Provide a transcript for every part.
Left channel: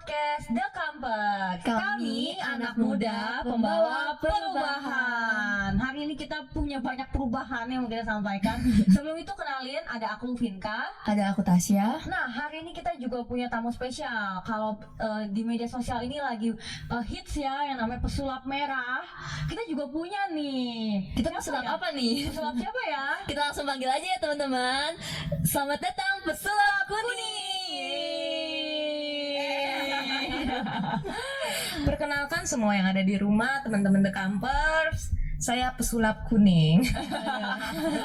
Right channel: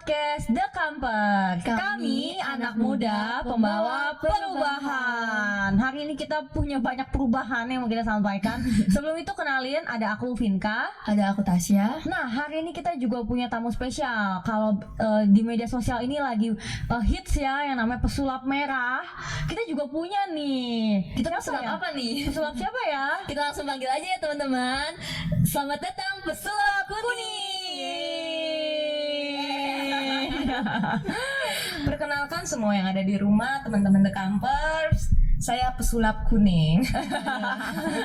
podcast The Campers. Kami anak muda pembawa perubahan. Hari ini kita punya banyak perubahan yang mau kita sampaikan. Sebelum itu kenalin, ada aku Vinka, ada aku Tasya. Nah, hari ini kita juga punya tamu spesial. Kalau di media sosial ini lagi hits ya yang namanya pesulap merah. Kita juga punya nih. Kita pesulap apa nih? Pesulap siapa ya? Kita langsung panggil aja ya teman-teman. Selamat datang pesulap kuning. Perkenalkan semua yang ada di rumah, teman-teman The Campers. Saya pesulap kuning.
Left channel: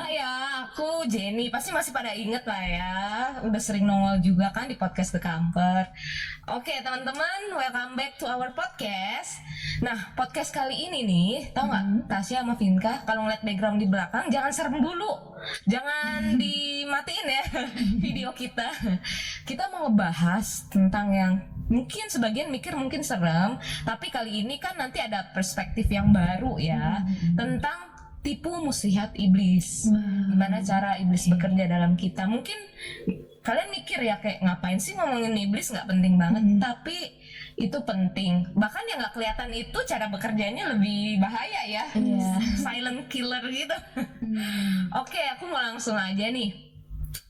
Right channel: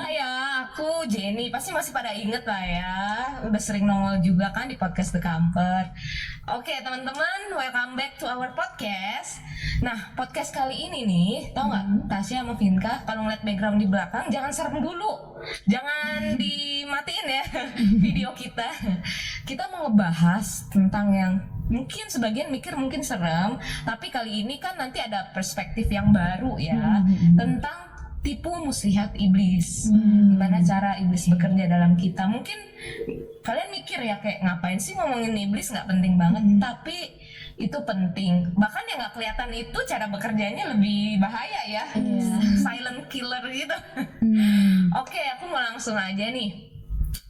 Ya, aku Jenny. Pasti masih pada inget lah ya. Udah sering nongol juga kan di podcast The Camper. Oke teman-teman, welcome back to our podcast. Nah, podcast kali ini nih, tau nggak Tasya sama Vinka, kalau ngeliat background di belakang jangan serem dulu, jangan dimatiin ya video kita. Kita mau ngebahas tentang yang mungkin sebagian mikir mungkin serem, tapi kali ini kan nanti ada perspektif yang baru ya, tentang tipu muslihat iblis. Gimana cara iblis bekerja dalam kita. Mungkin kalian mikir ya kayak ngapain sih ngomongin iblis, nggak penting banget, tapi itu penting. Bahkan yang nggak kelihatan itu cara bekerjanya lebih bahaya ya. Silent killer gitu. Oke, aku mau langsung aja nih,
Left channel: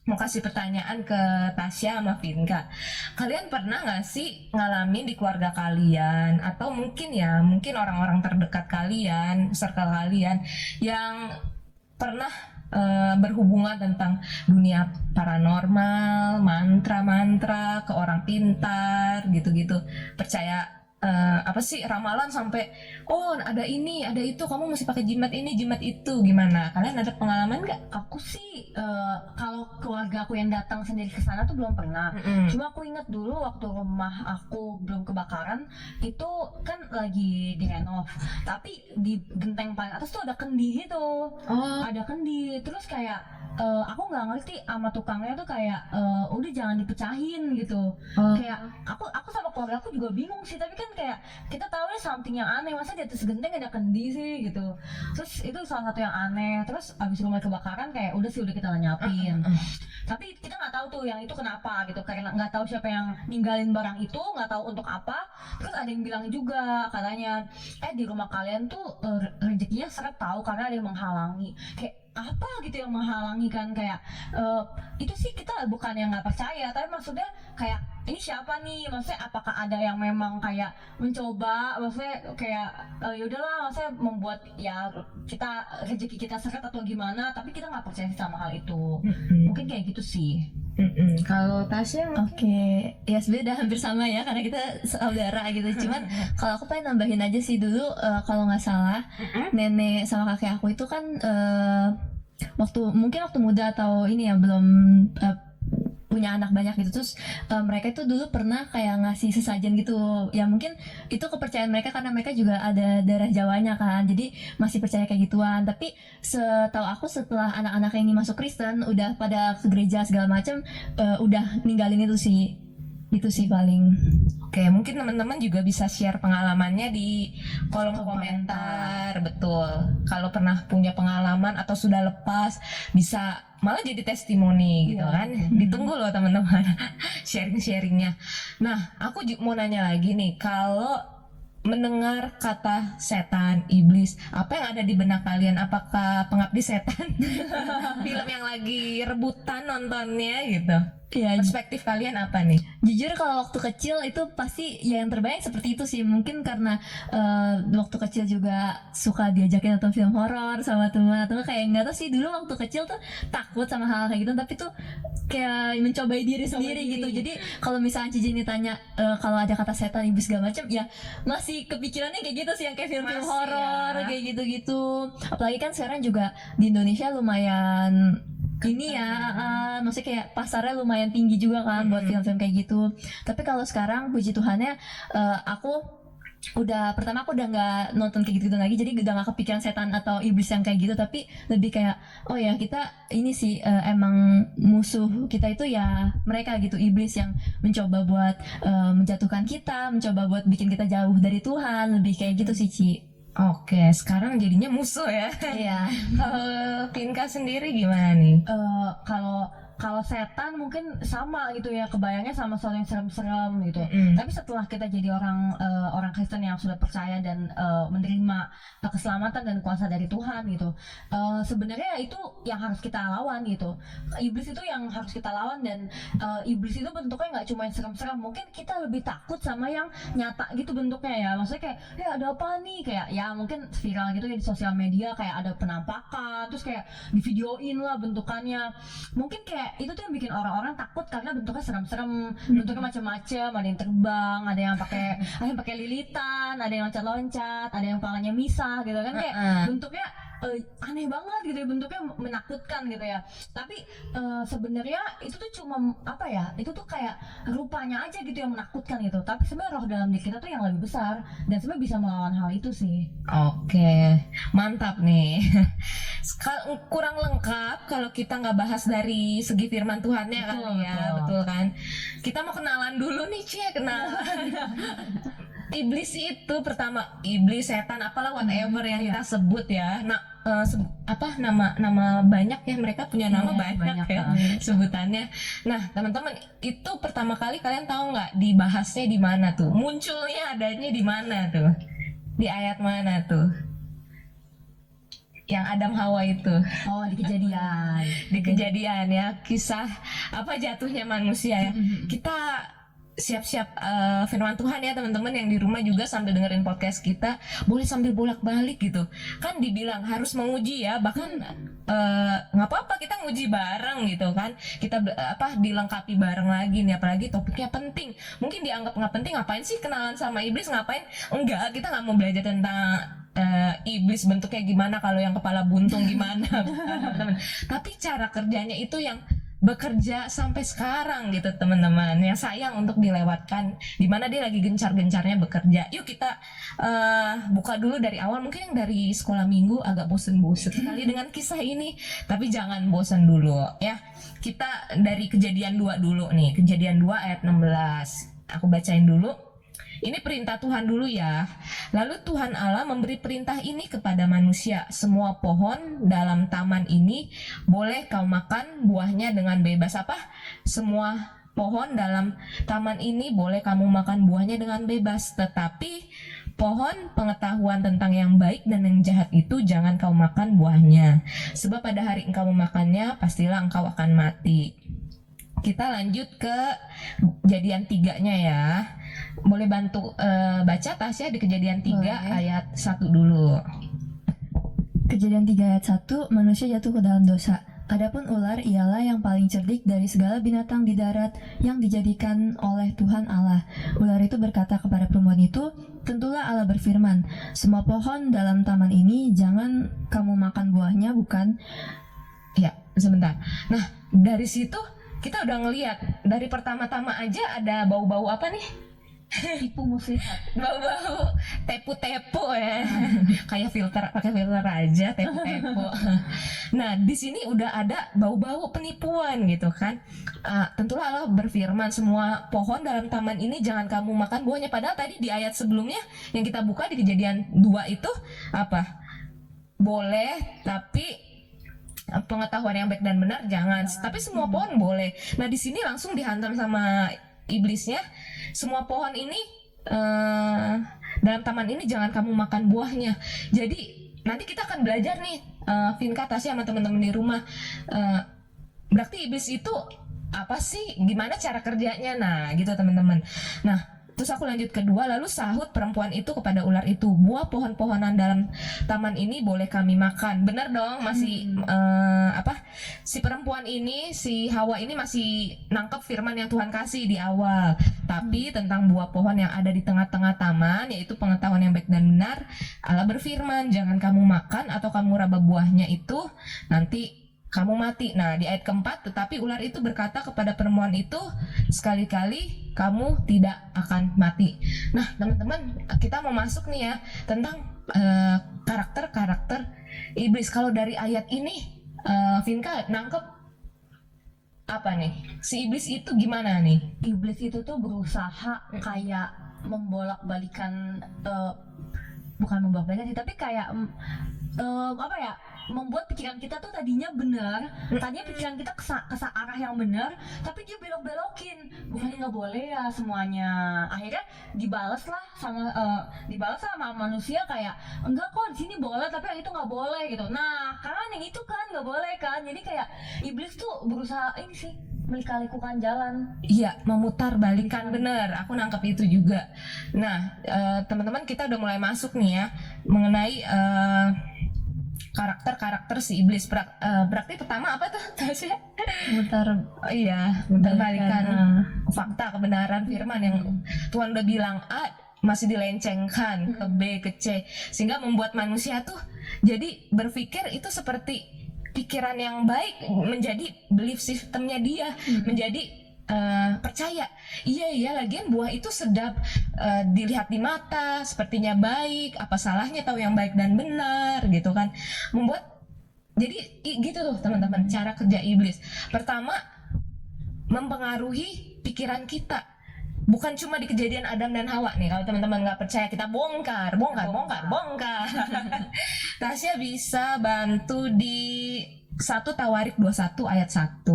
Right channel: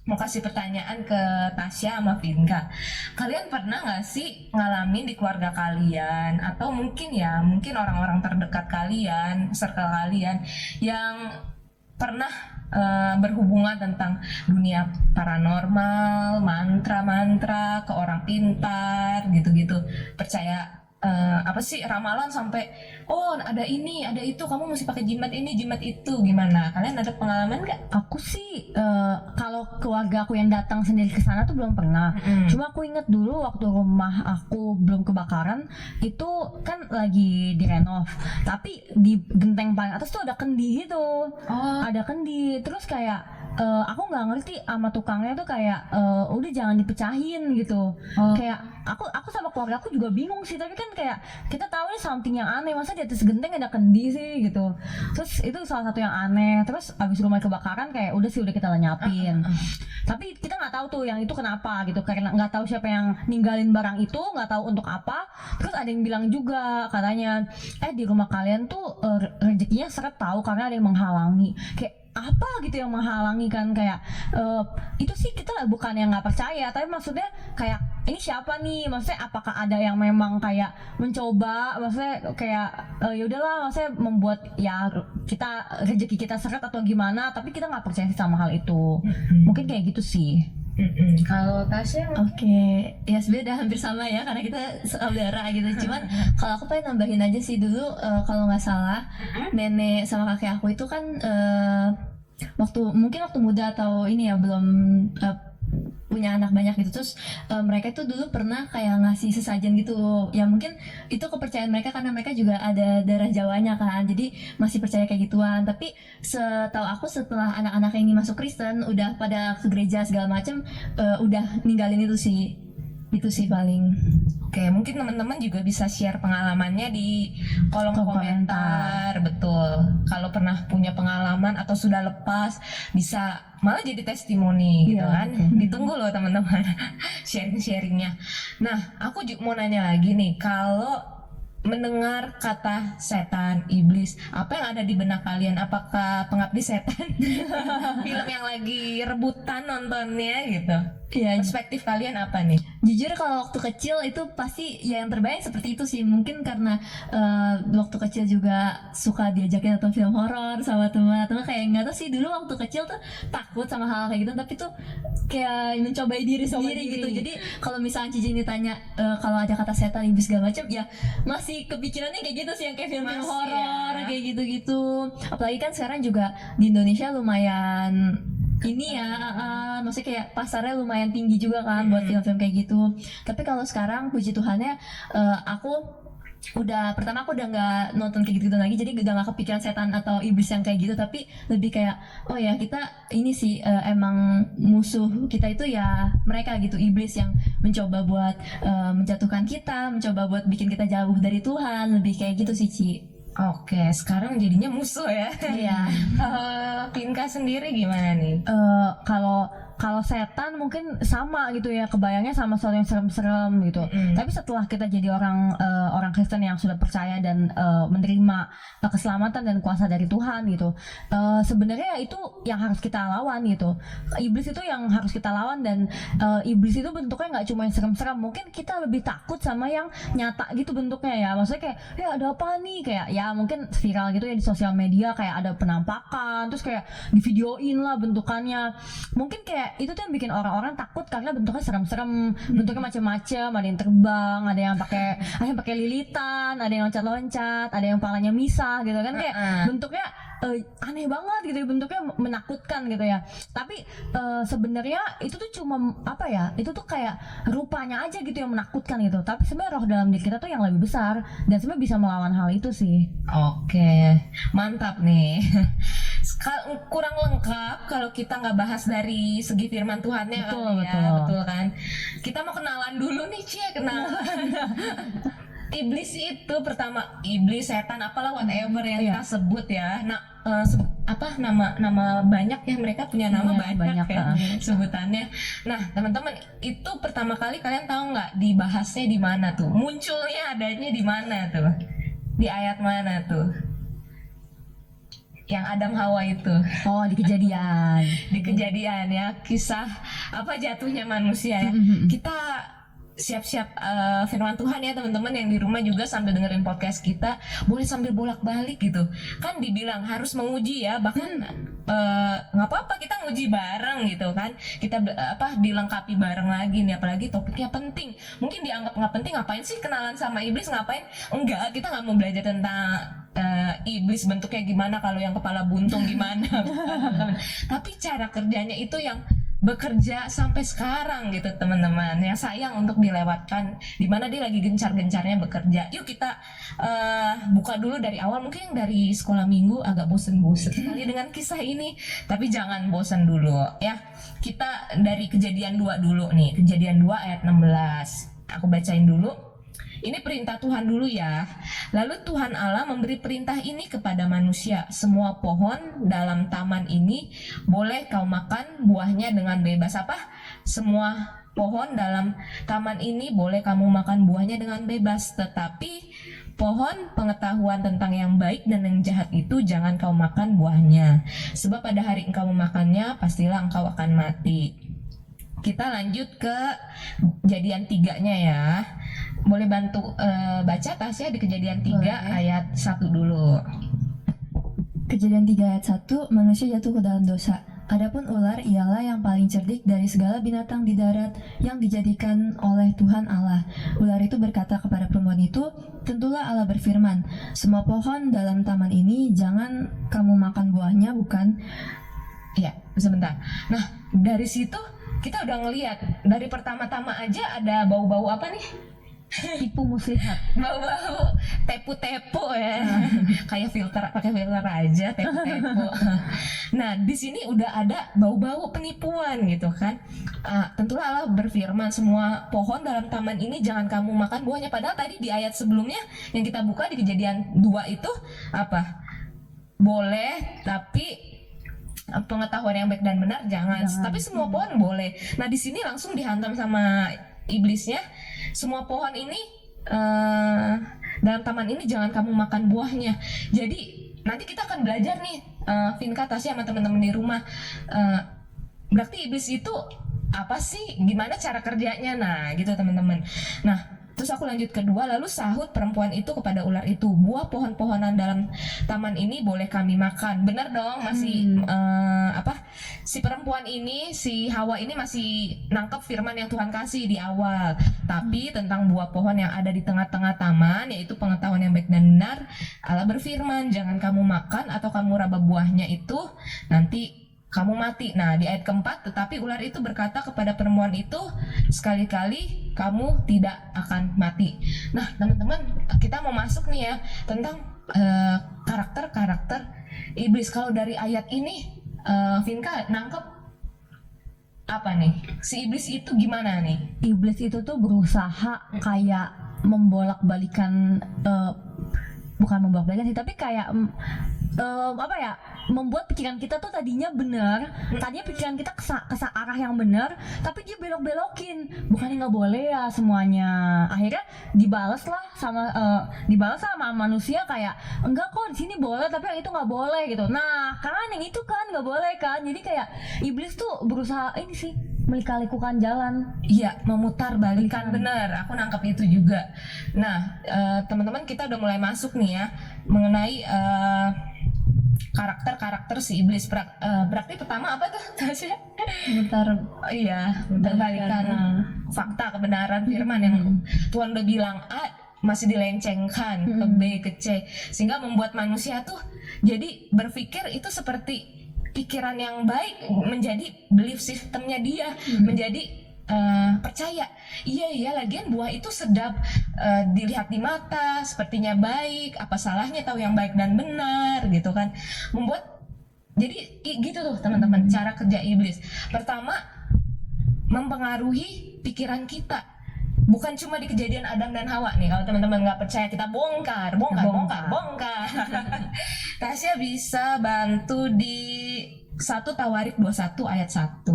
mau kasih pertanyaan ke Tasya sama Vinka. Kalian pernah nggak sih ngalamin di keluarga kalian, atau mungkin orang-orang terdekat kalian, circle kalian, yang pernah berhubungan tentang dunia paranormal, mantra-mantra, ke orang pintar, gitu-gitu. Percaya apa sih, ramalan sampai oh ada ini, ada itu, kamu mesti pakai jimat ini, jimat itu. Gimana? Kalian ada pengalaman nggak? Aku sih kalau keluarga aku yang datang sendiri ke sana tuh belum pernah. Cuma aku inget dulu waktu rumah aku belum kebakaran, itu kan lagi direnov. Tapi di genteng paling atas tuh ada kendi gitu. Ada kendi. Terus kayak aku nggak ngerti sama tukangnya tuh kayak udah jangan dipecahin gitu. Kayak aku sama keluarga aku juga bingung sih, tapi kan kayak kita tahu nih something yang aneh, masa di atas genteng ada kendi sih gitu. Terus itu salah satu yang aneh. Terus abis rumah kebakaran kayak udah kita lenyapin. Tapi kita nggak tahu tuh yang itu kenapa gitu, karena nggak tahu siapa yang ninggalin barang itu, nggak tahu untuk apa. Terus ada yang bilang juga katanya di rumah kalian tuh rezekinya seret tahu karena ada yang menghalangi. Kayak apa gitu yang menghalangi kan, kayak itu sih kita bukan yang nggak percaya, tapi maksudnya kayak ini siapa nih, maksudnya apakah ada yang memang kayak mencoba, maksudnya kayak ya udahlah, maksudnya membuat ya kita rezeki kita seret atau gimana, tapi kita nggak percaya sih sama hal itu. Mungkin kayak gitu sih. Kalau Tasya Oke, ya sebenarnya udah hampir sama ya karena kita saudara gitu. Cuman kalau aku pengen nambahin aja sih dulu, kalau nggak salah nenek sama kakek aku itu kan waktu muda atau ini ya belum punya anak banyak gitu, terus mereka itu dulu pernah kayak ngasih sesajen gitu ya, mungkin itu kepercayaan mereka karena mereka juga ada darah Jawanya kan, jadi masih percaya kayak gituan. Tapi setahu aku setelah anak-anak ini masuk Kristen udah pada ke gereja segala macam, udah ninggalin itu sih paling. Oke, mungkin teman-teman juga bisa share pengalamannya di kolom komentar. Betul. Kalau pernah punya pengalaman atau sudah lepas, bisa malah jadi testimoni gitu kan. Ditunggu loh teman-teman sharing-sharingnya. Nah, aku juga mau nanya lagi nih, kalau mendengar kata setan, iblis, apa yang ada di benak kalian? Apakah Pengabdi Setan? Film yang lagi rebutan nontonnya gitu. Ya, perspektif kalian apa nih? Jujur kalau waktu kecil itu pasti ya yang terbayang seperti itu sih. Mungkin karena waktu kecil juga suka diajakin nonton film horor sama teman-teman, kayak nggak tahu sih, dulu waktu kecil tuh takut sama hal kayak gitu, tapi tuh kayak mencobai diri sendiri gitu. Jadi kalau misalnya Cici ini tanya kalau ada kata setan, iblis segala macam, ya masih kepikirannya kayak gitu sih, yang kayak film horor kayak gitu-gitu. Apalagi kan sekarang juga di Indonesia lumayan ini ya, maksudnya kayak pasarnya lumayan tinggi juga kan buat film-film kayak gitu. Tapi kalau sekarang puji Tuhannya aku udah nggak nonton kayak gitu lagi, jadi udah nggak kepikiran setan atau iblis yang kayak gitu, tapi lebih kayak oh ya kita ini sih emang musuh kita itu ya mereka gitu, iblis yang mencoba buat menjatuhkan kita, mencoba buat bikin kita jauh dari Tuhan, lebih kayak gitu sih Ci. Oke, sekarang jadinya musuh ya. Iya. Pinka sendiri gimana nih? Kalau kalau setan mungkin sama gitu ya, kebayangnya sama sesuatu yang serem-serem gitu. Tapi setelah kita jadi orang Kristen yang sudah percaya dan menerima keselamatan dan kuasa dari Tuhan gitu, sebenarnya itu yang harus kita lawan gitu. Iblis itu yang harus kita lawan, dan iblis itu bentuknya nggak cuma yang serem-serem. Mungkin kita lebih takut sama yang nyata gitu bentuknya ya. Maksudnya kayak ya ada apa nih, kayak ya mungkin viral gitu ya di sosial media, kayak ada penampakan terus kayak di videoin lah bentukannya. Mungkin kayak itu tuh yang bikin orang-orang takut karena bentuknya serem-serem, bentuknya macam-macam, ada yang terbang, ada yang pakai lilitan, ada yang loncat-loncat, ada yang palanya misah gitu kan, kayak bentuknya aneh banget gitu ya, bentuknya menakutkan gitu ya. Tapi sebenarnya itu tuh cuma apa ya, itu tuh kayak rupanya aja gitu yang menakutkan gitu, tapi sebenarnya roh dalam diri kita tuh yang lebih besar dan sebenarnya bisa melawan hal itu sih. Oke, mantap nih. Kurang lengkap kalau kita nggak bahas dari segi firman Tuhannya. Betul kan. Kita mau kenalan dulu nih, kenalan. Iblis itu pertama, iblis, setan, apalah whatever yang kita sebut ya. Nah, nama banyak ya, mereka punya nama banyak ya sebutannya. Nah, teman-teman, itu pertama kali kalian tahu nggak dibahasnya di mana tuh? Munculnya adanya di mana tuh? Di ayat mana tuh? Yang Adam Hawa itu. Oh, di Kejadian. Di Kejadian ya, kisah apa jatuhnya manusia ya. Kita siap-siap firman Tuhan ya teman-teman yang di rumah juga, sambil dengerin podcast kita boleh sambil bolak-balik gitu kan. Dibilang harus menguji ya, bahkan nggak apa-apa kita nguji bareng gitu kan, kita dilengkapi bareng lagi nih, apalagi topiknya penting. Mungkin dianggap nggak penting, ngapain sih kenalan sama iblis, ngapain? Enggak, kita nggak mau belajar tentang iblis bentuknya gimana, kalau yang kepala buntung gimana. Tapi cara kerjanya itu yang bekerja sampai sekarang gitu teman-teman, yang sayang untuk dilewatkan, dimana dia lagi gencar-gencarnya bekerja. Yuk kita buka dulu dari awal, mungkin yang dari sekolah minggu agak bosen-bosen sekali dengan kisah ini, tapi jangan bosen dulu ya. Kita dari Kejadian 2 dulu nih, Kejadian 2 ayat 16, aku bacain dulu. Ini perintah Tuhan dulu ya. Lalu Tuhan Allah memberi perintah ini kepada manusia. Semua pohon dalam taman ini boleh kau makan buahnya dengan bebas. Apa? Semua pohon dalam taman ini boleh kamu makan buahnya dengan bebas. Tetapi pohon pengetahuan tentang yang baik dan yang jahat itu jangan kau makan buahnya. Sebab pada hari engkau memakannya, pastilah engkau akan mati. Kita lanjut ke Kejadian 3-nya ya. Boleh bantu baca Tasya di Kejadian 3 ayat 1 dulu. Kejadian 3 ayat 1, manusia jatuh ke dalam dosa. Adapun ular ialah yang paling cerdik dari segala binatang di darat yang dijadikan oleh Tuhan Allah. Ular itu berkata kepada perempuan itu, tentulah Allah berfirman, semua pohon dalam taman ini jangan kamu makan buahnya, bukan? Ya, sebentar. Nah, dari situ kita udah ngelihat, dari pertama-tama aja ada bau-bau apa nih? Tipu muslihat. Bau-bau tepu-tepu ya. Kayak pakai filter aja tepu-tepu. Nah, di sini udah ada bau-bau penipuan gitu kan. Tentulah Allah berfirman, semua pohon dalam taman ini jangan kamu makan buahnya. Padahal tadi di ayat sebelumnya yang kita buka di Kejadian 2 itu apa? Boleh, tapi pengetahuan yang baik dan benar jangan. Tapi semua pohon boleh. Nah, di sini langsung dihantam sama iblisnya, semua pohon ini dalam taman ini jangan kamu makan buahnya. Jadi nanti kita akan belajar nih, Vinka, Tasya sama teman-teman di rumah, berarti iblis itu apa sih, gimana cara kerjanya, nah gitu teman-teman. Nah, terus aku lanjut kedua, lalu sahut perempuan itu kepada ular itu, buah pohon-pohonan dalam taman ini boleh kami makan. Benar dong, masih si perempuan ini, si Hawa ini masih nangkep firman yang Tuhan kasih di awal. Tapi tentang buah pohon yang ada di tengah-tengah taman, yaitu pengetahuan yang baik dan benar, Allah berfirman, jangan kamu makan atau kamu raba buahnya itu, nanti kamu mati. Nah, di ayat keempat, tetapi ular itu berkata kepada perempuan itu, sekali-kali kamu tidak akan mati. Nah, teman-teman, kita mau masuk nih ya tentang karakter-karakter iblis. Kalau dari ayat ini, Vinka nangkep apa nih? Si iblis itu gimana nih? Iblis itu tuh berusaha kayak membolak-balikan, bukan membolak-balikan sih, tapi kayak membuat pikiran kita tuh tadinya benar, tadinya pikiran kita ke arah yang benar, tapi dia belok-belokin. Bukannya nggak boleh ya semuanya. Akhirnya dibalas sama manusia kayak enggak kok di sini boleh, tapi yang itu nggak boleh gitu. Nah, kan yang itu kan nggak boleh kan. Jadi kayak iblis tuh berusaha ini sih melika-likukan jalan. Iya, memutar balikan, bener. Aku nangkep itu juga. Nah, teman-teman, kita udah mulai masuk nih ya mengenai karakter si iblis. Berarti pertama apa tuh, Tasya? Mutar Iya, berbalikan fakta kebenaran firman yang Tuhan udah bilang A masih dilencengkan ke B ke C, sehingga membuat manusia tuh jadi berpikir itu seperti pikiran yang baik, menjadi belief sistemnya dia, menjadi percaya iya lagian buah itu sedap, dilihat di mata sepertinya baik, apa salahnya tahu yang baik dan benar gitu kan. Membuat jadi gitu tuh teman-teman cara kerja iblis. Pertama, mempengaruhi pikiran kita. Bukan cuma di kejadian Adam dan Hawa nih, kalau teman-teman nggak percaya kita bongkar. Tasya bisa bantu di 1 Tawarik 21 ayat 1.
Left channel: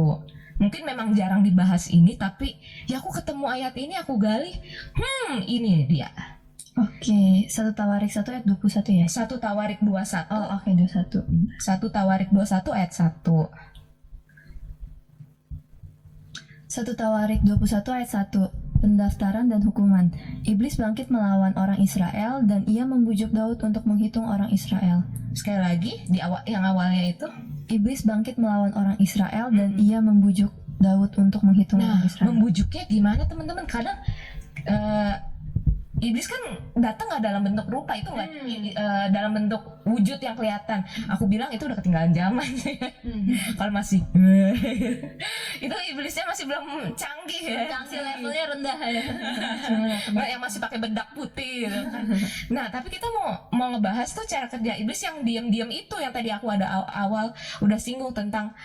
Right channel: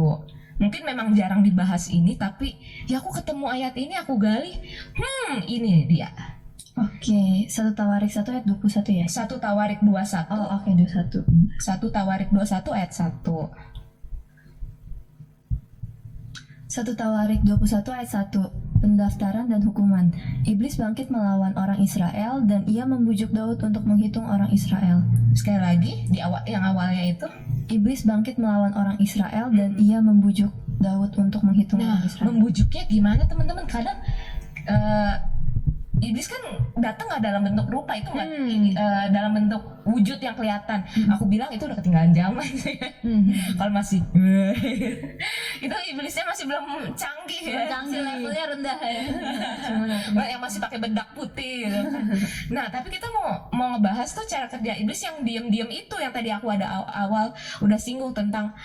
Mungkin memang jarang dibahas ini, tapi ya aku ketemu ayat ini, aku gali, ini dia. Oke, 1 Tawarik 1 ayat 21 ya? 1 Tawarik 21. Oh, oke, 21. 1 Tawarik 21 ayat 1. 1 Tawarik 21 ayat 1. Pendaftaran dan hukuman. Iblis bangkit melawan orang Israel dan ia membujuk Daud untuk menghitung orang Israel. Sekali lagi di awal, yang awalnya itu. Iblis bangkit melawan orang Israel dan ia membujuk Daud untuk menghitung Nah, orang Israel. membujuknya gimana teman-teman? Kadang iblis kan datang nggak dalam bentuk rupa, itu nggak dalam bentuk wujud yang kelihatan. Aku bilang itu udah ketinggalan zaman. Kalau masih itu iblisnya masih belum canggih ya. Canggih, levelnya rendah ya. Yang masih pakai bedak putih gitu. Nah, tapi kita mau ngebahas tuh cara kerja iblis yang diam-diam itu, yang tadi aku ada awal udah singgung tentang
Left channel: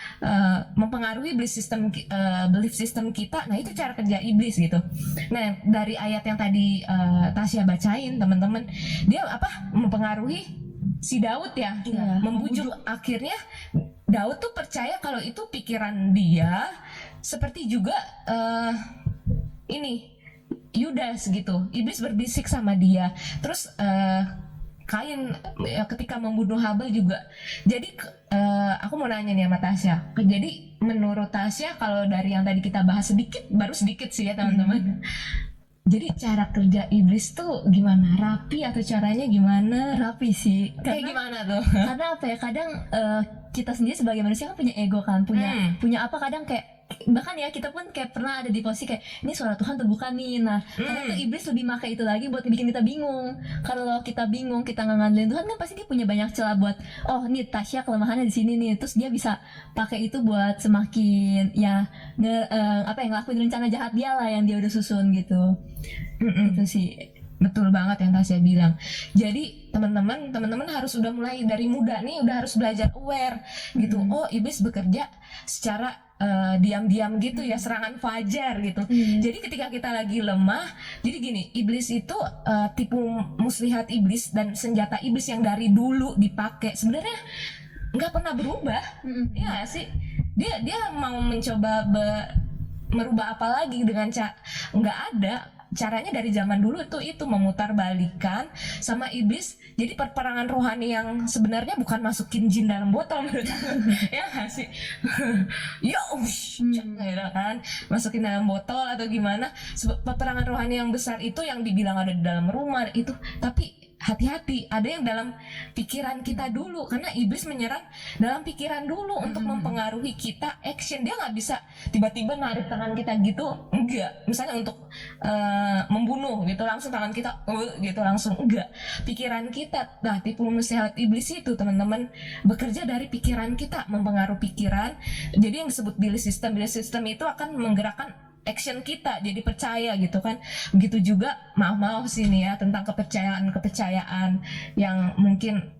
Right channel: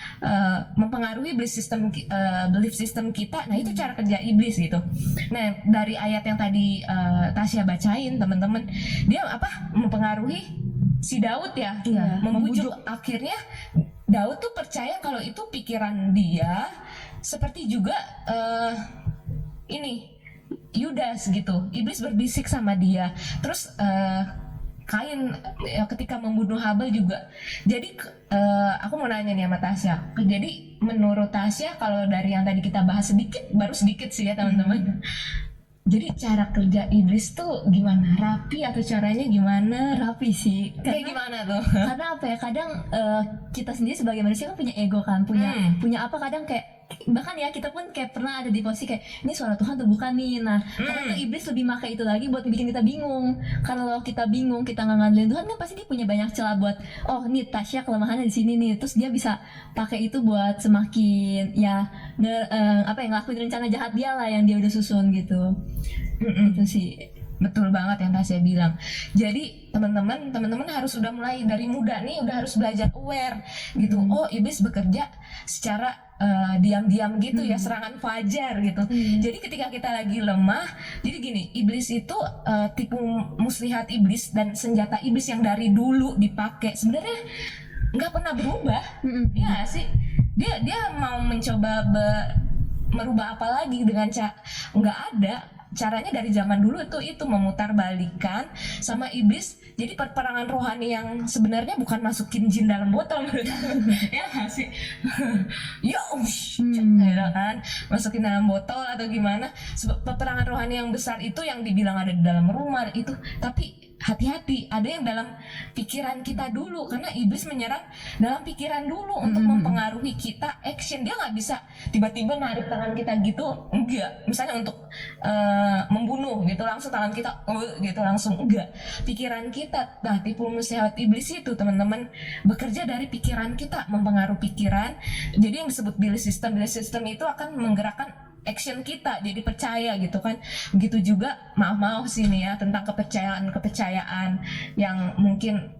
mempengaruhi belief system kita. Nah, itu cara kerja iblis gitu. Nah, dari ayat yang tadi Tasya bacain teman-teman, dia mempengaruhi si Daud ya, membujuk. Akhirnya Daud tuh percaya kalau itu pikiran dia, seperti juga ini Yudas gitu. Iblis berbisik sama dia. Terus Kain ketika membunuh Habel juga. Jadi aku mau nanya nih sama Tasya. Jadi menurut Tasya, kalau dari yang tadi kita bahas baru sedikit sih ya teman-teman. Jadi cara kerja iblis tuh gimana? Rapi atau caranya gimana? Rapi sih. Kayak gimana tuh? Karena apa ya? Kadang kita sendiri sebagai manusia kan punya ego kan, punya apa, kadang kayak bahkan ya kita pun kayak pernah ada di posisi kayak ini suara Tuhan tuh bukan nih. Nah, kadang tuh iblis lebih pakai itu lagi buat bikin kita bingung. Kalau kita bingung, kita nggak ngandelin Tuhan, kan pasti dia punya banyak celah buat nih Tasya kelemahannya di sini nih. Terus dia bisa pakai itu buat semakin ngelakuin rencana jahat dia lah yang dia udah susun gitu. Itu sih. Betul banget yang Tasya bilang. Jadi teman-teman harus udah mulai dari muda nih, udah harus belajar aware gitu. Oh, iblis bekerja secara diam-diam gitu ya, serangan fajar gitu. Jadi ketika kita lagi lemah, jadi gini, iblis itu tipu muslihat iblis dan senjata iblis yang dari dulu dipakai sebenarnya nggak pernah berubah. Ya sih, dia mau mencoba merubah apa lagi dengan nggak ada. Caranya dari zaman dulu itu memutar balikan sama iblis. Jadi peperangan rohani yang sebenarnya bukan masukin jin dalam botol ya nggak sih? Gitu kan, masukin dalam botol atau gimana. Peperangan rohani yang besar itu yang dibilang ada di dalam rumah itu, tapi hati-hati, ada yang dalam pikiran kita dulu, karena iblis menyerang dalam pikiran dulu untuk mempengaruhi kita action. Dia nggak bisa tiba-tiba narik tangan kita gitu, enggak. Misalnya untuk membunuh gitu, langsung tangan kita gitu langsung, enggak. Pikiran kita, nah tipu muslihat iblis itu teman-teman bekerja dari pikiran kita, mempengaruhi pikiran. Jadi yang disebut belief system itu akan menggerakkan action kita, jadi percaya gitu kan. Begitu juga maaf sini ya tentang kepercayaan yang mungkin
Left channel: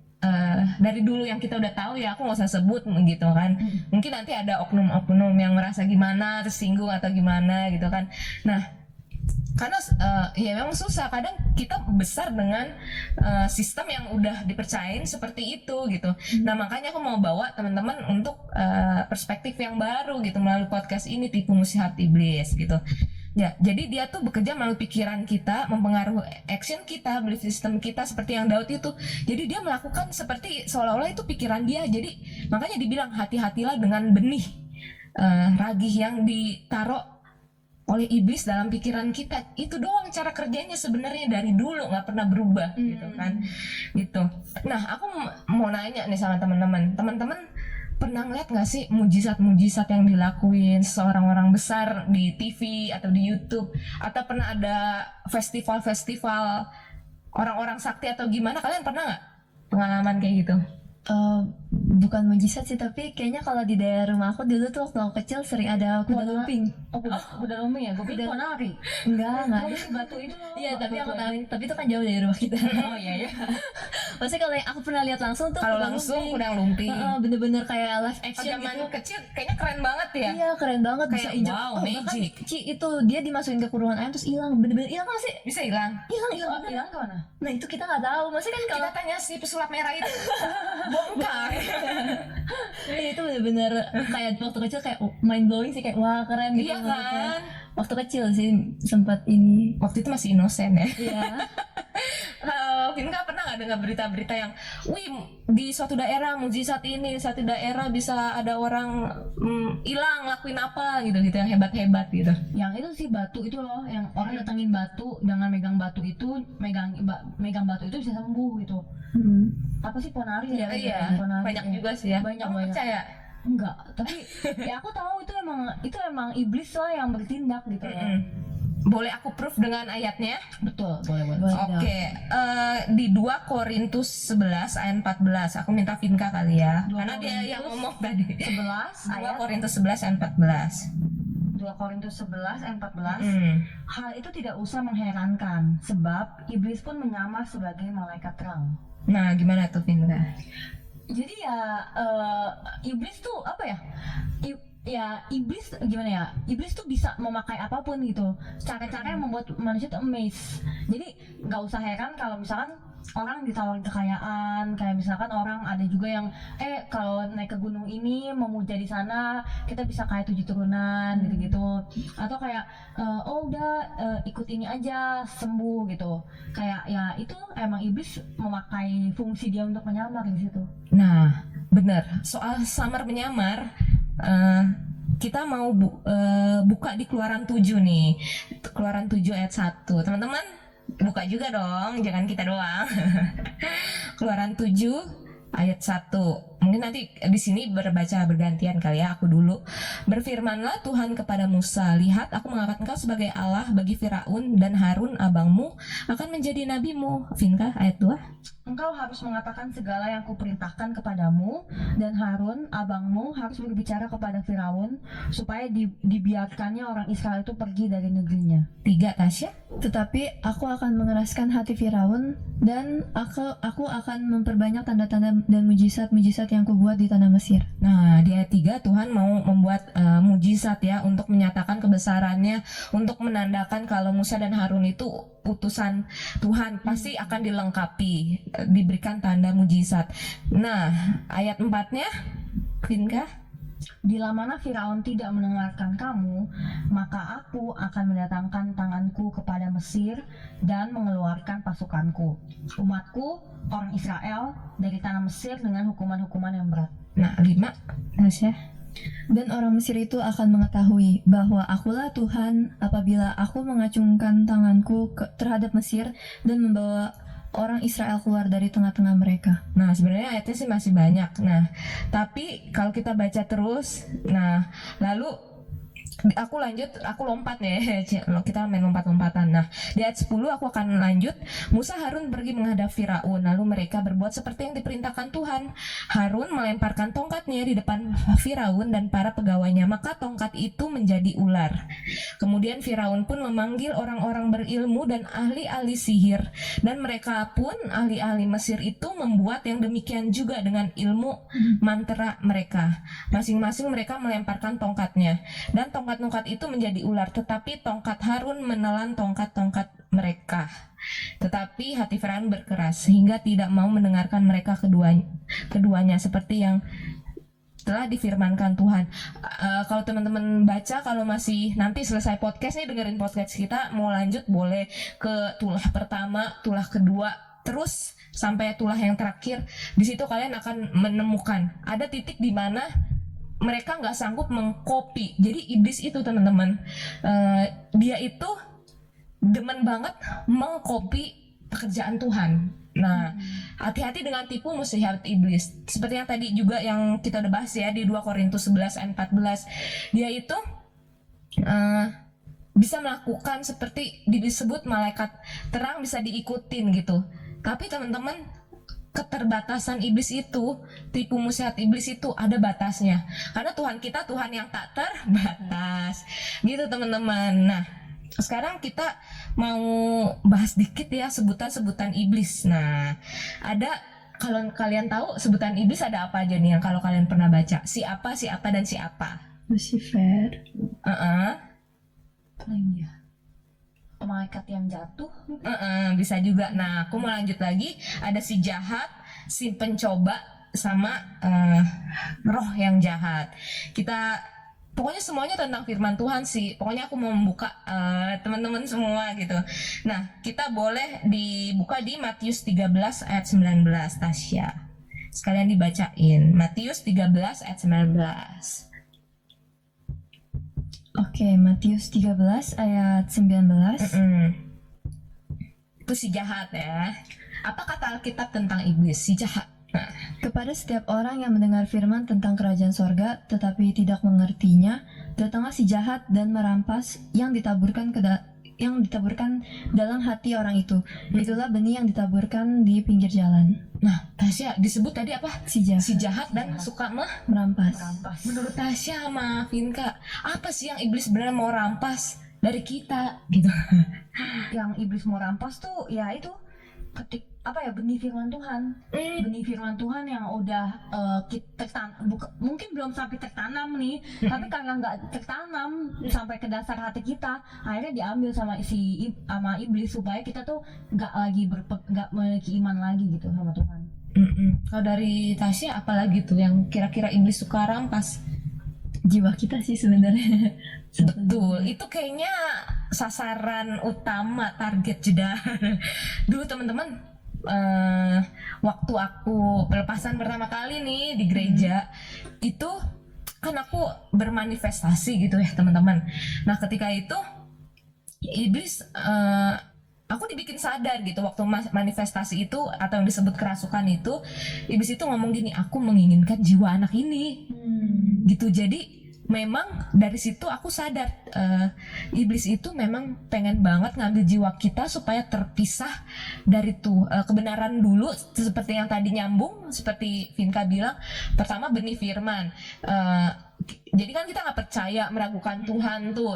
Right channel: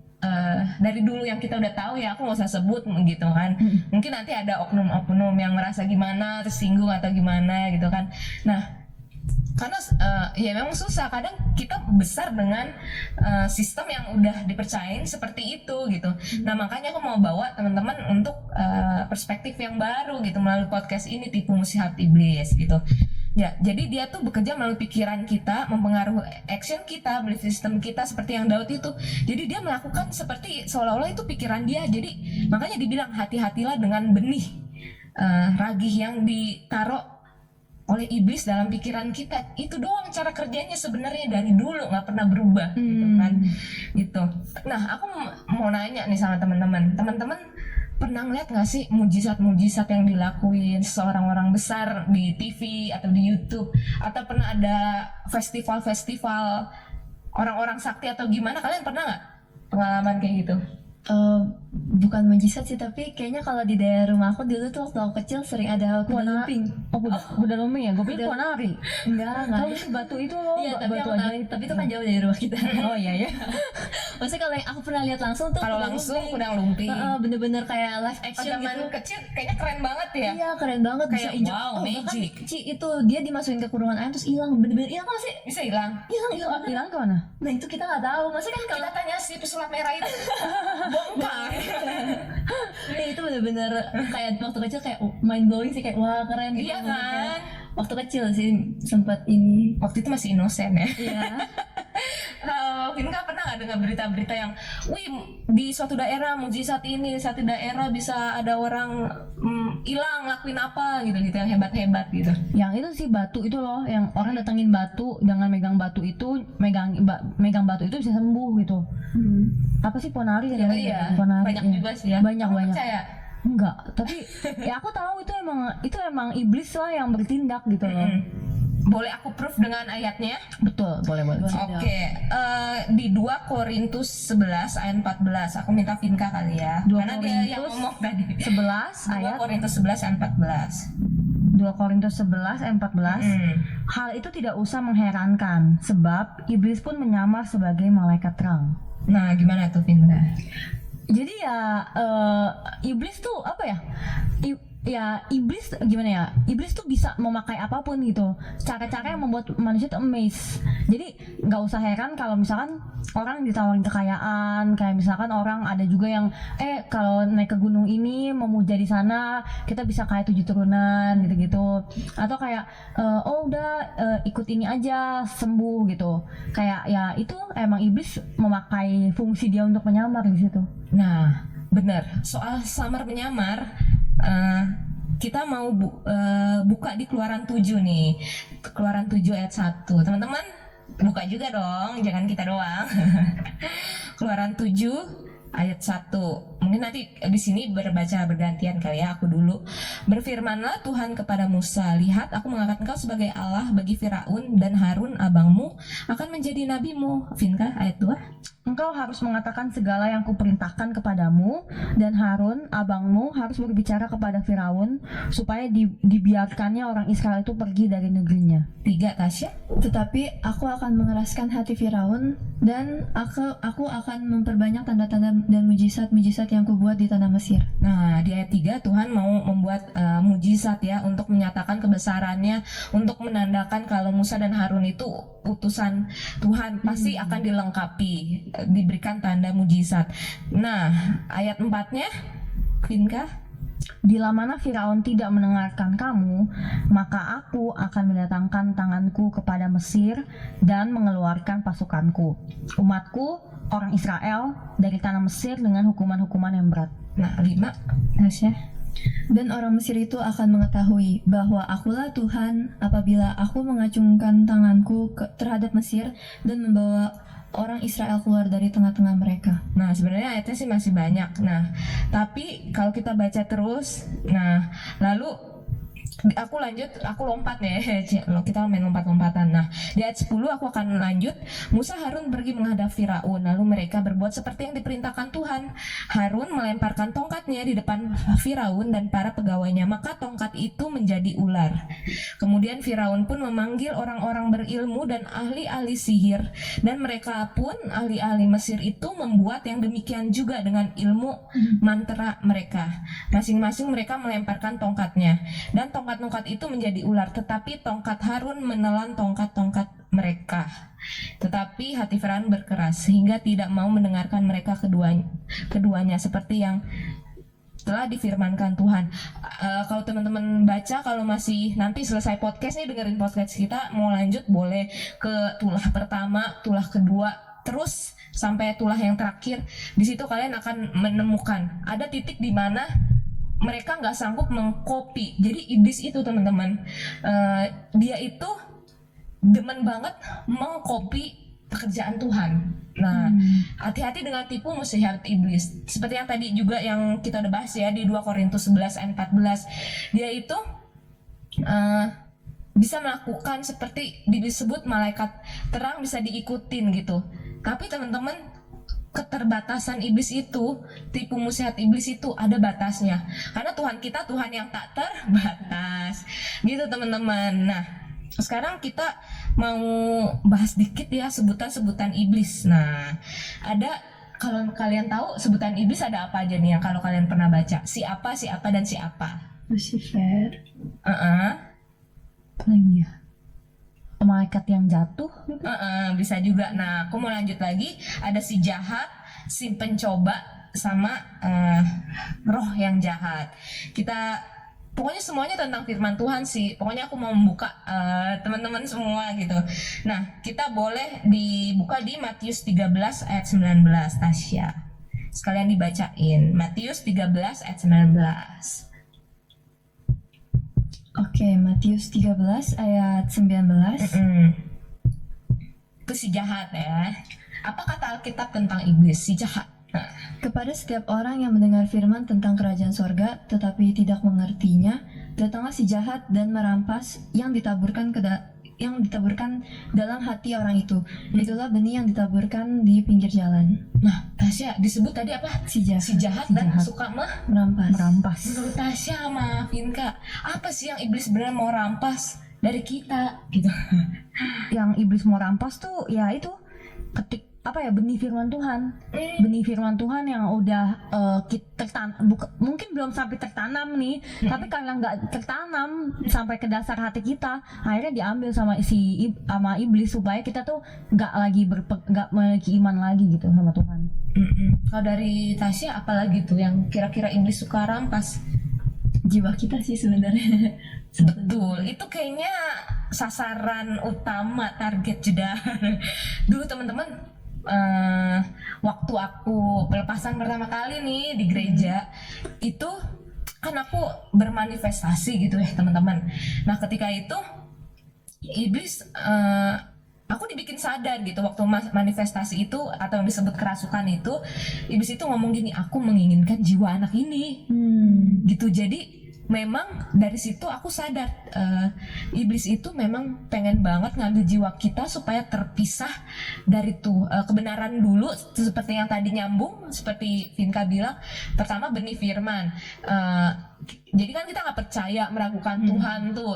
dari dulu yang kita udah tahu ya, aku nggak usah sebut gitu kan. Mungkin nanti ada oknum-oknum yang merasa gimana, tersinggung atau gimana gitu kan. Nah, karena ya memang susah, kadang kita besar dengan sistem yang udah dipercayain seperti itu gitu. Nah makanya aku mau bawa teman-teman untuk perspektif yang baru gitu melalui podcast ini, Tipu Muslihat Iblis gitu. Ya, jadi dia tuh bekerja melalui pikiran kita, mempengaruhi action kita, belief system kita seperti yang Daud itu. Jadi dia melakukan seperti seolah-olah itu pikiran dia. Jadi makanya dibilang hati-hatilah dengan benih ragih yang ditaruh oleh iblis dalam pikiran kita. Itu doang cara kerjanya sebenarnya dari dulu, nggak pernah berubah gitu kan. Gitu. Nah, aku mau nanya nih sama teman-teman. Teman-teman pernah ngeliat nggak sih mujizat-mujizat yang dilakuin seorang orang besar di TV atau di YouTube, atau pernah ada festival-festival orang-orang sakti atau gimana? Kalian pernah nggak pengalaman kayak gitu? Bukan mujizat sih, tapi kayaknya kalau di daerah rumah aku dulu tuh waktu aku kecil sering ada kuda lumping. Oh, kuda lumping ya? Gue pikir ponari. Enggak. Oh, itu batu itu loh, Iya, tapi batu aku aja. tapi itu kan jauh dari rumah kita. Oh iya ya. Maksudnya kalau yang aku pernah lihat langsung tuh Kalau kuda langsung lumping. udah lumping. Bener-bener kayak live Pas action zaman gitu. kecil kayaknya keren banget ya. Iya, keren banget, bisa Kayak injak. wow, Bahkan magic. itu dia dimasukin ke kurungan air terus hilang, bener-bener hilang kan sih? Bisa hilang. Hilang. Hilang kemana? Nah itu kita nggak tahu. Maksudnya kan kalau Kita tanya si pesulap merah itu. Bongkar. itu bener-bener kayak waktu kecil kayak mind blowing sih, kayak wah keren gitu. Iya kan? Waktu kecil sih sempat ini. Waktu itu masih inosen ya. Iya. Vinka pernah nggak dengar berita-berita yang, wih di suatu daerah mujizat ini, suatu daerah bisa ada orang hilang ngelakuin apa gitu yang hebat-hebat gitu. Yang itu sih batu itu loh, yang orang datengin batu dengan megang batu itu, megang batu itu bisa sembuh gitu. Apa sih ponari ya? Iya, Ponari, banyak iya. juga sih ya. Banyak. Percaya? Enggak, tapi ya aku tahu itu emang iblis lah yang bertindak gitu loh. Boleh aku proof dengan ayatnya? Betul, boleh. Oke, di 2 Korintus 11 ayat 14. Aku minta Vinka kali ya. 2 Karena dia yang Korintus ngomong tadi. 11 2 ayat Korintus 11 ayat 14. 2 Korintus 11 ayat 14. Hal itu tidak usah mengherankan, sebab iblis pun menyamar sebagai malaikat terang. Nah, gimana tuh Vinka? Jadi ya iblis tuh apa ya? Ya iblis gimana ya? Iblis tuh bisa memakai apapun gitu. Cara-cara yang membuat manusia tuh amazed. Jadi nggak usah heran kalau misalkan orang ditawarin kekayaan, kayak misalkan orang ada juga yang kalau naik ke gunung ini memuja di sana kita bisa kayak 7 turunan gitu-gitu. Atau kayak ikut ini aja sembuh gitu. Kayak ya itu emang iblis memakai fungsi dia untuk menyamar di situ. Nah, benar. Soal samar menyamar, kita mau buka di Keluaran 7 nih. Keluaran 7 ayat 1. Teman-teman, buka juga dong, jangan kita doang. Keluaran 7 ayat 1. Mungkin nanti di sini berbaca bergantian kali ya, aku dulu. Berfirmanlah Tuhan kepada Musa, lihat aku mengangkat engkau sebagai Allah bagi Firaun, dan Harun abangmu akan menjadi nabimu. Vinka ayat 2. Engkau harus mengatakan segala yang kuperintahkan kepadamu, dan Harun abangmu harus berbicara kepada Firaun supaya dibiarkannya orang Israel itu pergi dari negerinya. 3 Tasya. Tetapi aku akan mengeraskan hati Firaun, dan aku akan memperbanyak tanda-tanda dan mujizat-mujizat yang kubuat di tanah Mesir. Nah, di ayat 3 Tuhan mau membuat mujizat ya, untuk menyatakan kebesarannya, untuk menandakan kalau Musa dan Harun itu utusan Tuhan, pasti akan dilengkapi, diberikan tanda mujizat. Nah, ayat 4-nya, Vinka. Bila mana Firaun tidak mendengarkan kamu, maka aku akan mendatangkan tanganku kepada Mesir dan mengeluarkan pasukanku, umatku, orang Israel, dari tanah Mesir dengan hukuman-hukuman yang berat. Nah, 5 Tasya. Dan orang Mesir itu akan mengetahui bahwa akulah Tuhan apabila aku mengacungkan tanganku terhadap Mesir dan membawa orang Israel keluar dari tengah-tengah mereka. Nah, sebenarnya ayatnya sih masih banyak. Nah, tapi kalau kita baca terus, nah, lalu aku lompat ya. Kita main lompat-lompatan. Nah, di ayat 10 aku akan lanjut. Musa Harun pergi menghadap Firaun, lalu mereka berbuat seperti yang diperintahkan Tuhan. Harun melemparkan tongkatnya di depan Firaun dan para pegawainya, maka tongkat itu menjadi ular. Kemudian Firaun pun memanggil orang-orang berilmu dan ahli-ahli sihir, dan mereka pun ahli-ahli Mesir itu membuat yang demikian juga dengan ilmu mantra mereka. Masing-masing mereka melemparkan tongkatnya, dan tongkat tongkat-tongkat itu menjadi ular, tetapi tongkat Harun menelan tongkat-tongkat mereka. Tetapi hati Firaun berkeras sehingga tidak mau mendengarkan mereka keduanya seperti yang telah difirmankan Tuhan. Kalau teman-teman baca, kalau masih nanti selesai podcast nih dengerin podcast kita, mau lanjut boleh ke tulah pertama, tulah kedua, terus sampai tulah yang terakhir. Di situ kalian akan menemukan ada titik di mana mereka nggak sanggup mengcopy. Jadi iblis itu teman-teman, dia itu demen banget mengcopy pekerjaan Tuhan. Nah, hati-hati dengan tipu muslihat iblis. Seperti yang tadi juga yang kita udah bahas ya di 2 Korintus 11 ayat 14. Dia itu bisa melakukan seperti disebut malaikat terang, bisa diikutin gitu. Tapi teman-teman, keterbatasan iblis itu, tipu muslihat iblis itu ada batasnya. Karena Tuhan kita Tuhan yang tak terbatas. Gitu teman-teman. Nah, sekarang kita mau bahas dikit ya sebutan-sebutan iblis. Nah, ada, kalau kalian tahu sebutan iblis ada apa aja nih yang kalau kalian pernah baca? Siapa, dan siapa? Lucifer. Lagi ya, malaikat yang jatuh gitu. Bisa juga. Nah, aku mau lanjut lagi. Ada si jahat, si pencoba, sama roh yang jahat. Kita pokoknya semuanya tentang firman Tuhan sih. Pokoknya aku mau membuka teman-teman semua gitu. Nah, kita boleh dibuka di Matius 13 ayat 19, Tasya. Sekalian dibacain. Matius 13 ayat 19. Oke, Matius 13 ayat 19. Itu si jahat ya. Apa kata Alkitab tentang iblis? Si jahat. Kepada setiap orang yang mendengar firman tentang kerajaan sorga tetapi tidak mengertinya, datanglah si jahat dan merampas yang ditaburkan dalam hati orang itu. Itulah benih yang ditaburkan di pinggir jalan. Nah, Tasya, disebut tadi apa? Si jahat. Si jahat dan suka merampas. Menurut Tasya sama Vinka, apa sih yang iblis sebenarnya mau rampas dari kita gitu? Yang iblis mau rampas tuh ya itu benih firman Tuhan. Benih firman Tuhan yang udah mungkin belum sampai tertanam nih, tapi karena nggak tertanam sampai ke dasar hati kita, akhirnya diambil sama iblis supaya kita tuh nggak memiliki iman lagi gitu sama Tuhan. Kalau dari Tasya apalagi tuh yang kira-kira iblis suka rampas? Jiwa kita sih sebenarnya. Betul, itu kayaknya sasaran utama, target jedar. Dulu teman-teman, waktu aku pelepasan pertama kali nih di gereja, itu kan aku bermanifestasi gitu ya teman-teman. Nah, ketika itu iblis, aku dibikin sadar gitu waktu manifestasi itu atau yang disebut kerasukan itu, iblis itu ngomong gini, aku menginginkan jiwa anak ini, gitu. Jadi memang dari situ aku sadar, iblis itu memang pengen banget ngambil jiwa kita supaya terpisah dari kebenaran dulu, seperti yang tadi nyambung, seperti Vinka bilang, pertama benih firman. Jadi kan kita nggak percaya, meragukan Tuhan tuh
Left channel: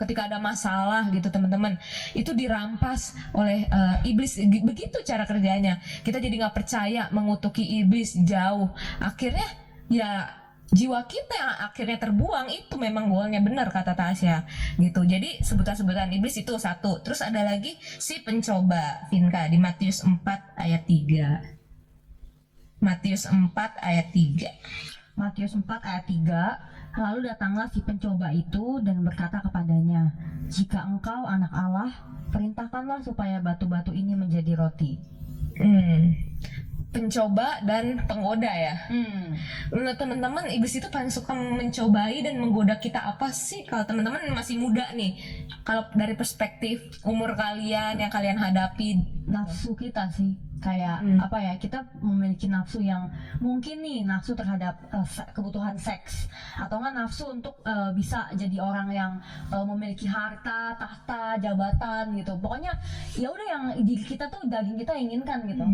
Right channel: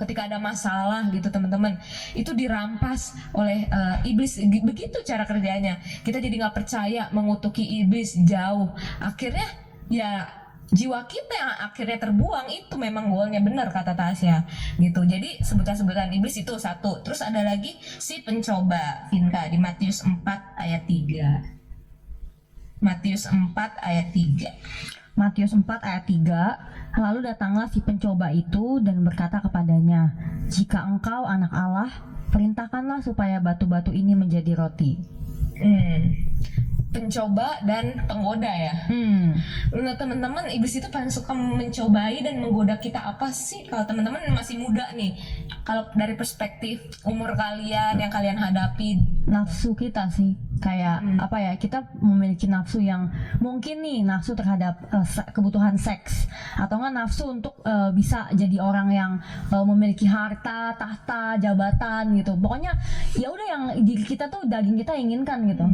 ketika ada masalah gitu teman-teman, itu dirampas oleh iblis. Begitu cara kerjanya. Kita jadi nggak percaya, mengutuki iblis jauh. Akhirnya ya jiwa kita yang akhirnya terbuang. Itu memang goalnya, benar kata Tasya gitu. Jadi sebutan-sebutan iblis itu satu. Terus ada lagi si pencoba, Vinka, di Matius 4 ayat 3. Matius 4 ayat 3. Matius 4 ayat 3, lalu datanglah si pencoba itu dan berkata kepadanya, jika engkau anak Allah, perintahkanlah supaya batu-batu ini menjadi roti. Pencoba dan penggoda ya. Menurut teman-teman, iblis itu paling suka mencobai dan menggoda kita apa sih? Kalau teman-teman masih muda nih, kalau dari perspektif umur kalian yang kalian hadapi, nafsu kita sih, kayak kita memiliki nafsu yang mungkin nih nafsu terhadap kebutuhan seks, atau nggak nafsu untuk bisa jadi orang yang memiliki harta, tahta, jabatan gitu. Pokoknya ya udah yang diri kita tuh, daging kita inginkan gitu.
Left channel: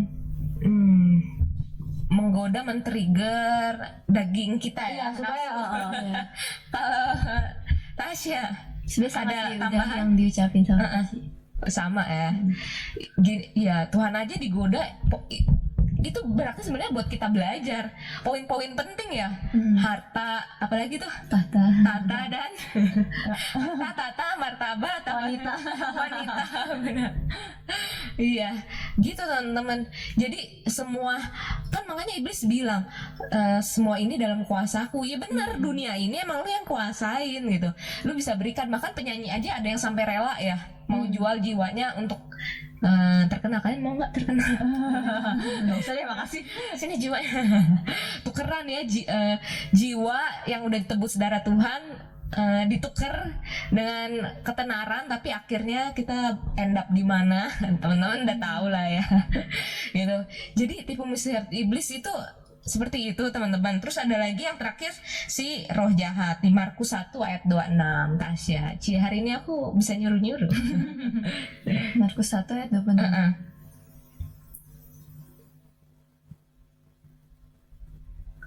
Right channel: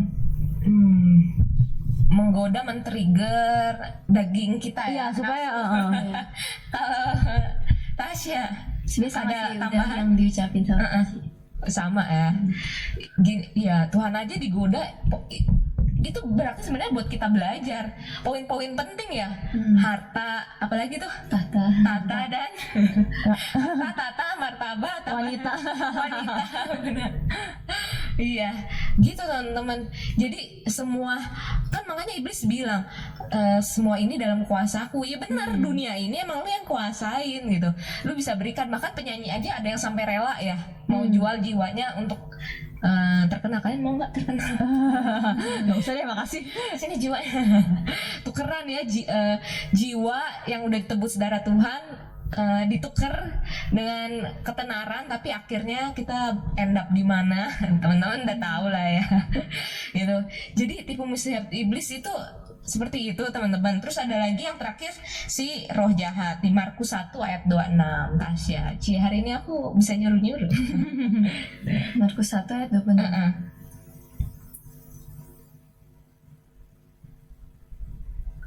Menggoda, men-trigger daging kita ya, supaya Tasya, Ada tambahan yang diucapin sama ya. Gini, ya Tuhan aja digoda, itu berarti sebenarnya buat kita belajar poin-poin penting ya. Harta, apalagi tuh, harta dan harta, tata, martabat, Wanita. wanita, benar. Iya, gitu teman-teman. Jadi semua, kan makanya iblis bilang semua ini dalam kuasaku. Ya benar, dunia ini emang lu yang kuasain gitu. Lu bisa berikan, bahkan penyanyi aja ada yang sampai rela ya mau jual jiwanya untuk terkenal. Kalian mau nggak terkenal? Nggak usah deh, makasih. Sini jiwanya. Tukeran ya, jiwa yang udah ditebus darah Tuhan ditukar dengan ketenaran, tapi akhirnya kita end up di mana teman-teman udah tahu lah ya. Gitu. Jadi tipu muslihat iblis itu seperti itu teman-teman. Terus ada lagi yang terakhir, si roh jahat di Markus 1 ayat 26. Tasya, hari ini aku bisa nyuruh-nyuruh. Markus 1 ayat 26.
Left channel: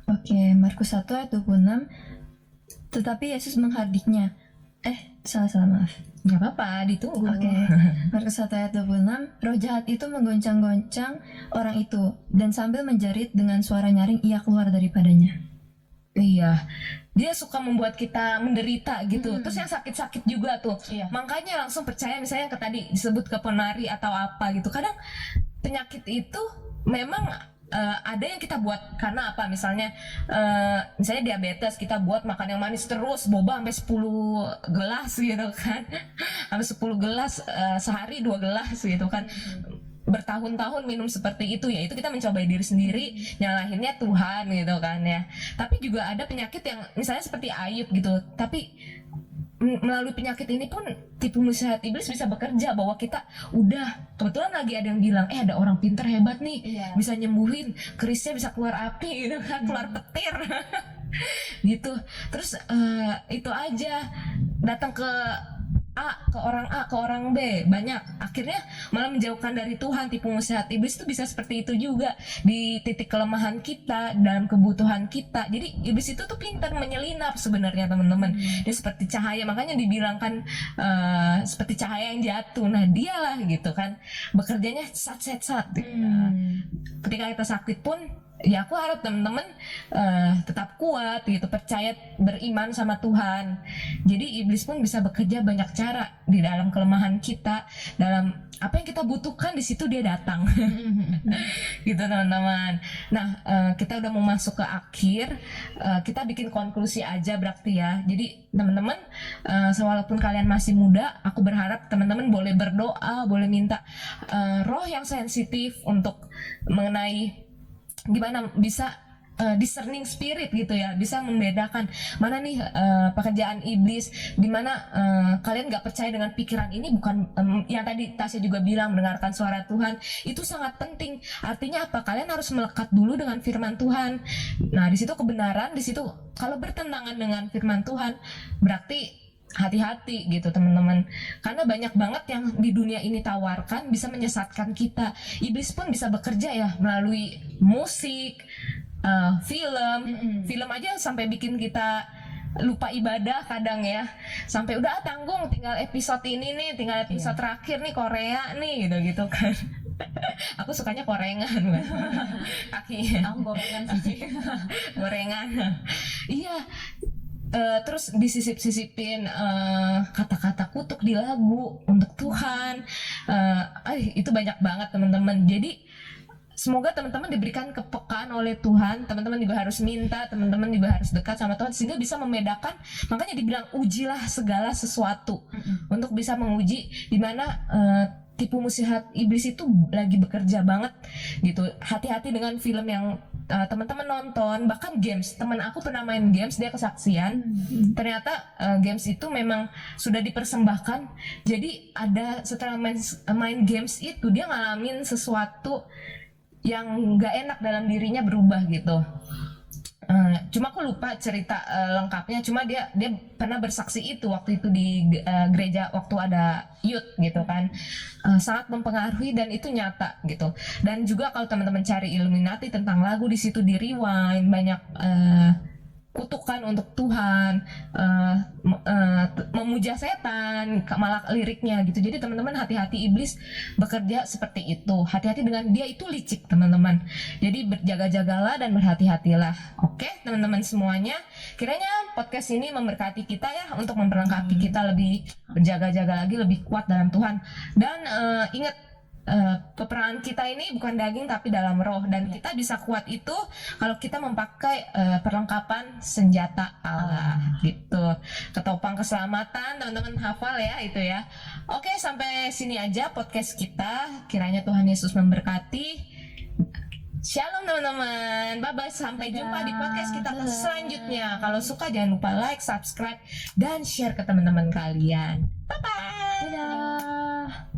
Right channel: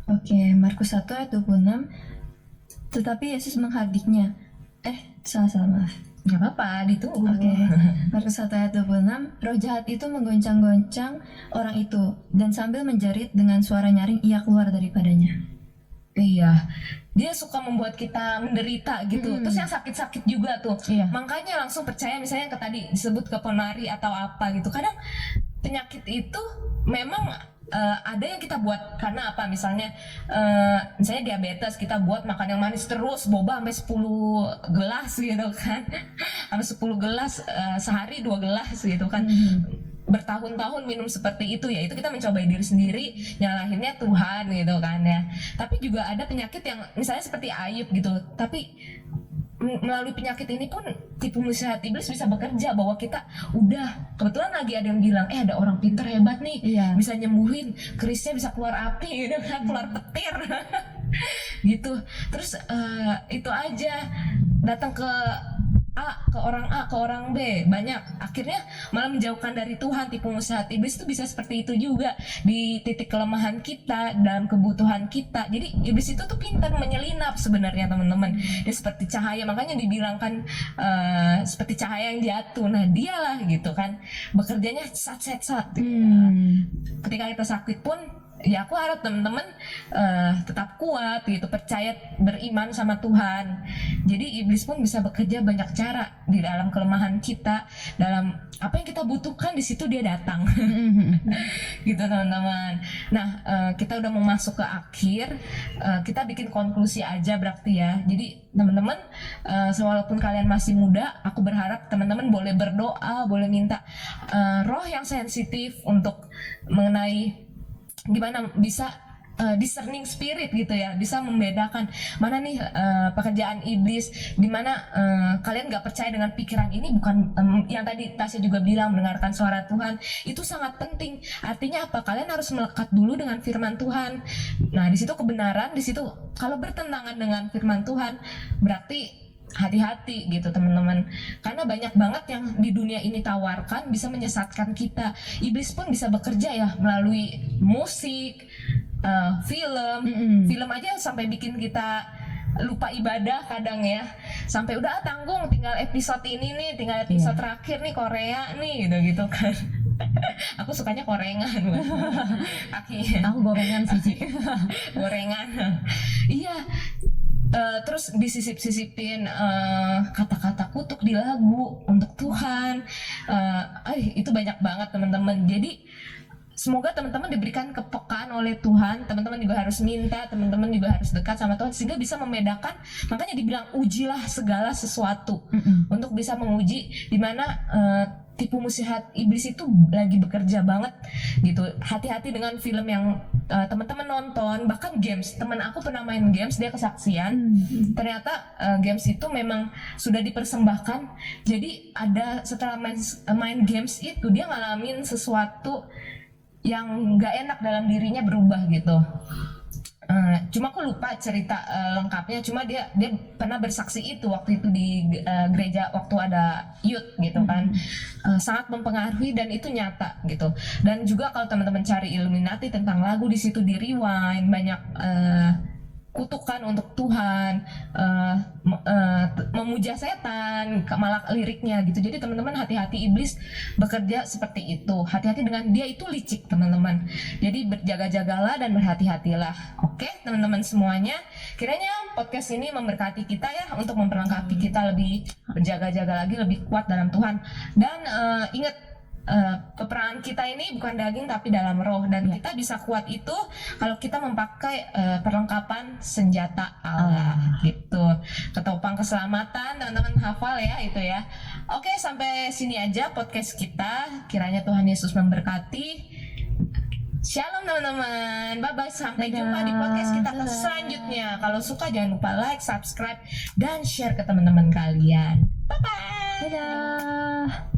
Oke, Markus 1 ayat 26. Tetapi Yesus menghardiknya. Salah, maaf. Gak apa-apa, ditunggu. Oke, Markus 1 ayat 26. Roh jahat itu menggoncang-goncang orang itu, dan sambil menjerit dengan suara nyaring, ia keluar daripadanya. Iya, dia suka membuat kita menderita gitu. Terus yang sakit-sakit juga tuh. Iya. Makanya langsung percaya, misalnya tadi disebut keponari atau apa gitu. Kadang penyakit itu memang ada yang kita buat karena apa, misalnya diabetes, kita buat makan yang manis terus, boba sampai 10 gelas gitu kan. Sampai 10 gelas sehari 2 gelas gitu kan. Bertahun-tahun minum seperti itu, ya itu kita mencobai diri sendiri, nyalahinnya Tuhan gitu kan ya. Tapi juga ada penyakit yang misalnya seperti Ayub gitu, tapi melalui penyakit ini pun tipu muslihat iblis bisa bekerja, bahwa kita udah kebetulan lagi ada yang bilang ada orang pinter hebat nih, Iya. bisa nyembuhin kerisnya, bisa keluar api gitu kan, keluar petir gitu. Terus itu aja datang ke ke orang B banyak, akhirnya malah menjauhkan dari Tuhan. Tipu muslihat iblis itu bisa seperti itu juga di titik kelemahan kita, dalam kebutuhan kita. Jadi iblis itu tuh pintar menyelinap sebenarnya teman-teman. Dia seperti cahaya, makanya dibilangkan seperti cahaya yang jatuh. Nah dialah gitu kan bekerjanya sat. Ketika kita sakit pun ya aku harap teman-teman tetap kuat gitu, percaya, beriman sama Tuhan. Jadi iblis pun bisa bekerja banyak cara di dalam kelemahan kita, dalam apa yang kita butuhkan, di situ dia datang. Gitu teman-teman. Nah kita udah mau masuk ke akhir, kita bikin konklusi aja berarti ya. Jadi teman-teman, walaupun kalian masih muda, aku berharap teman-teman boleh berdoa, boleh minta roh yang sensitif untuk mengenai gimana bisa discerning spirit gitu ya, bisa membedakan mana nih pekerjaan iblis, dimana kalian nggak percaya dengan pikiran ini. Bukan yang tadi Tasya juga bilang, mendengarkan suara Tuhan itu sangat penting. Artinya apa? Kalian harus melekat dulu dengan firman Tuhan. Nah di situ kebenaran, di situ kalau bertentangan dengan firman Tuhan berarti hati-hati gitu teman-teman, karena banyak banget yang di dunia ini tawarkan bisa menyesatkan kita. Iblis pun bisa bekerja ya melalui musik, film aja sampai bikin kita lupa ibadah kadang ya, sampai udah tanggung tinggal episode ini nih, tinggal episode terakhir nih Korea nih gitu kan. Aku sukanya korengan. Aku gorengan sih. Gorengan. Iya. Terus disisip-sisipin kata-kata kutuk di lagu untuk Tuhan. Itu banyak banget teman-teman. Jadi semoga teman-teman diberikan kepekaan oleh Tuhan. Teman-teman juga harus minta, teman-teman juga harus dekat sama Tuhan sehingga bisa membedakan. Makanya dibilang ujilah segala sesuatu, untuk bisa menguji di mana tipu muslihat iblis itu lagi bekerja banget gitu. Hati-hati dengan film yang teman-teman nonton, bahkan games. Teman aku pernah main games, dia kesaksian. Ternyata games itu memang sudah dipersembahkan. Jadi ada setelah main games itu dia ngalamin sesuatu yang nggak enak dalam dirinya, berubah gitu. Cuma aku lupa cerita lengkapnya. Cuma dia pernah bersaksi itu waktu itu di gereja waktu ada youth gitu kan. Sangat mempengaruhi dan itu nyata gitu. Dan juga kalau teman-teman cari Illuminati tentang lagu, di situ di rewind banyak kutukan bukan untuk Tuhan, memuja setan, malah liriknya gitu. Jadi teman-teman hati-hati, iblis bekerja seperti itu. Hati-hati dengan dia, itu licik teman-teman. Jadi berjaga-jagalah dan berhati-hatilah. Oke teman-teman semuanya, kiranya podcast ini memberkati kita ya, untuk memperlengkapi kita lebih berjaga-jaga lagi, lebih kuat dalam Tuhan. Dan ingat, peperangan kita ini bukan daging tapi dalam roh, dan kita bisa kuat itu kalau kita memakai perlengkapan senjata Allah gitu. Ketopang keselamatan, teman-teman hafal ya itu ya. Oke, sampai sini aja podcast kita. Kiranya Tuhan Yesus memberkati. Shalom teman-teman, bye-bye, sampai jumpa di podcast kita selanjutnya. Kalau suka jangan lupa like, subscribe, dan share ke teman-teman kalian. Bye-bye. Dadah.